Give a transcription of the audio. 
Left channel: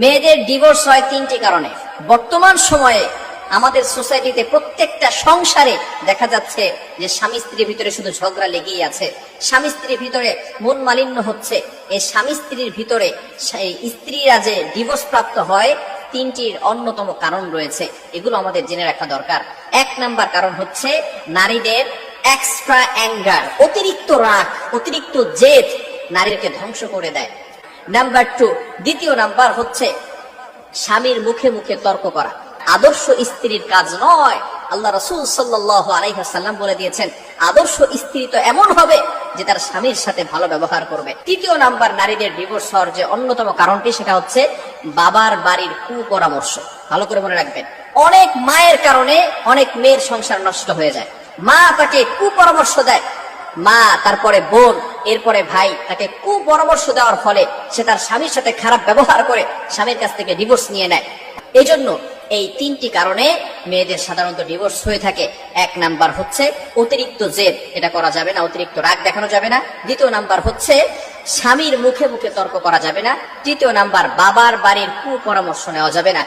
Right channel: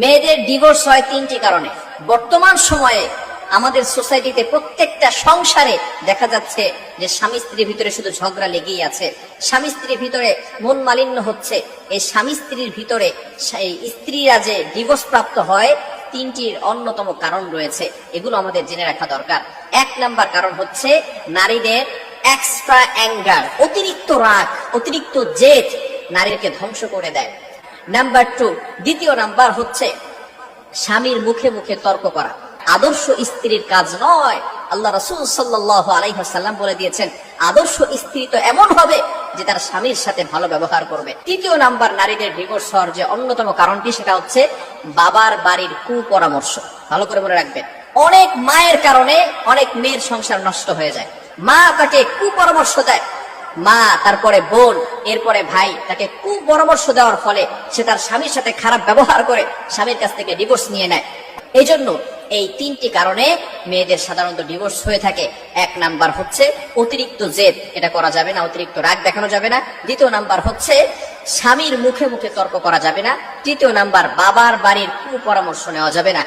মেয়েদের ডিভোর্স হয় তিনটি কারণে। বর্তমান সময়ে আমাদের সোসাইটিতে প্রত্যেকটা সংসারে দেখা যাচ্ছে যে স্বামী স্ত্রীর ভিতরে শুধু ঝগড়া লেগেই আছে, স্বামী স্ত্রীর ভিতরে মন মালিন্য হচ্ছে। এই স্বামী স্ত্রীর ভিতরে স্ত্রীরা যে ডিভোর্স প্রাপ্ত হয় তিনটির অন্যতম কারণ রয়েছে, এগুলো আমাদের জেনে রাখা দরকার। এক নাম্বার কারণ হচ্ছে নারীদের এক্সট্রা অ্যাঙ্গার, অতিরিক্ত রাগ, অতিরিক্ত জেদ নারীকে ধ্বংস করে দেয়। নাম্বার 2, দ্বিতীয় নাম্বার হচ্ছে স্বামীর মুখে মুখে তর্ক করা। আদর্শ স্ত্রীর কাজ নয়। আল্লাহ রাসূল সাল্লাল্লাহু আলাইহি ওয়াসাল্লাম বলে দিয়েছেন, আদর্শ স্ত্রী তো এমন হবে যে তার স্বামীর সাথে ভালো ব্যবহার করবে। তৃতীয় নাম্বার নারীদের ডিভোর্স হওয়ার যে অন্যতম কারণটি, সেটা হচ্ছে বাবার বাড়ির কুপরামর্শ। ভালো করে মনে রাখবেন, অনেক মায়ের কারণে অনেক মেয়ের সংসার নষ্ট হয়ে যায়। মা তাকে কুপরামর্শ দেয়, মা, তারপরে বোন, এরপরে ভাই, তাকে কুপরামর্শ দেওয়ার ফলে সে তার স্বামীর সাথে খারাপ ব্যবহার করে স্বামীর কাছ থেকে ডিভোর্স নিয়ে নেয়। এই জন্য এই তিনটি কারণে মেয়েদের সাধারণত ডিভোর্স হয়ে থাকে। এক নাম্বার হচ্ছে অতিরিক্ত জেদ, এটা করা যাবে না, অতিরিক্ত রাগ দেখানো যাবে না। দ্বিতীয় নাম্বার হচ্ছে স্বামীর মুখে মুখে তর্ক করা যাবে না। তৃতীয় নাম্বার বাবার বাড়ির কুপরামর্শ নেওয়া যাবে না।